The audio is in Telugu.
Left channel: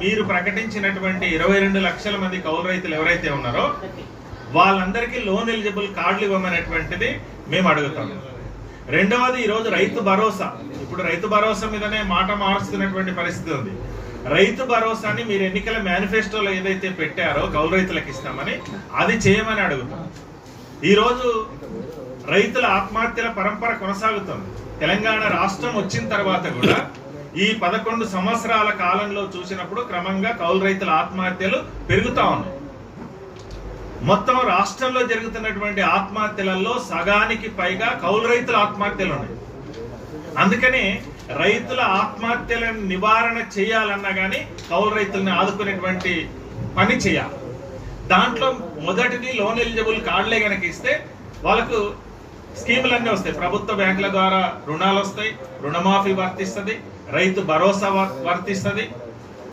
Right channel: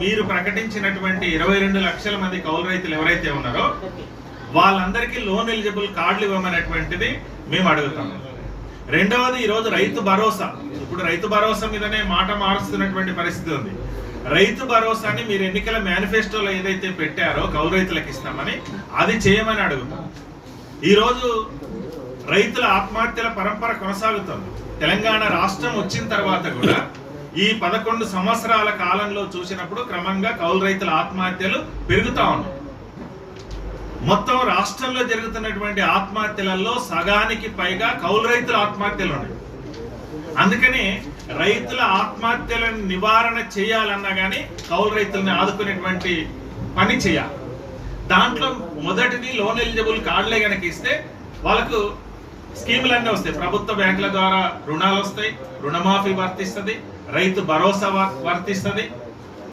మీరు ప్రకటించినటువంటి 22 లక్షల మంది కౌలు రైతులు ఎవరైతే ఉన్నారో వాళ్ళందరికీ లోన్ ఎలిజిబుల్ కార్డులు ఇవ్వమనేటువంటిది మేము అడుగుతాం. రెండవది, ఈరోజు రైతు భరోసా, ఇప్పుడు రైతు భరోసా మీదనే మాట మారుస్తున్నటువంటి పరిస్థితి ఉంది. రైతు భరోసాని మీరు ఎన్నికల మేనిఫెస్టోలో ఏదైతే పెట్టారో కౌలు రైతులకు ఇస్తామని అది చేయమని అడుగుతాం. ఈరోజు రైతుల ఆత్మహత్యల పరంపర కొనసాగుతుంది. తెలంగాణ రాష్ట్రం వచ్చిన తర్వాత కూడా ఈ 11 సంవత్సరాల కాలంలో చూసినప్పుడు క్రమంగా కౌలు రైతుల ఆత్మహత్యలు పెరుగుతా ఉన్నాయి. మొత్తం రాష్ట్రంలో జరుగుతున్నటువంటి ఆత్మహత్యలలో సగానికి పైగా కౌలు రైతుల ఆత్మహత్యలు ఉన్నాయి. అందుకని రైతుల ఆత్మహత్యలను నివారణ చేయాలన్నా కానీ కౌలు రైతుల్ని ఆదుకునేటువంటి పని చేయాలి. దాంట్లో మొదటిది లోన్ ఎలిజిబుల్ కార్డులే కనుక ఇస్తే వాళ్ళకు స్కీములన్నీ వస్తాయి. ప్రభుత్వ బ్యాంకుల ద్వారా రుణాలు వస్తాయి, రుణమాఫీ వర్తిస్తుంది, రైతు భరోసా వర్తిస్తుంది,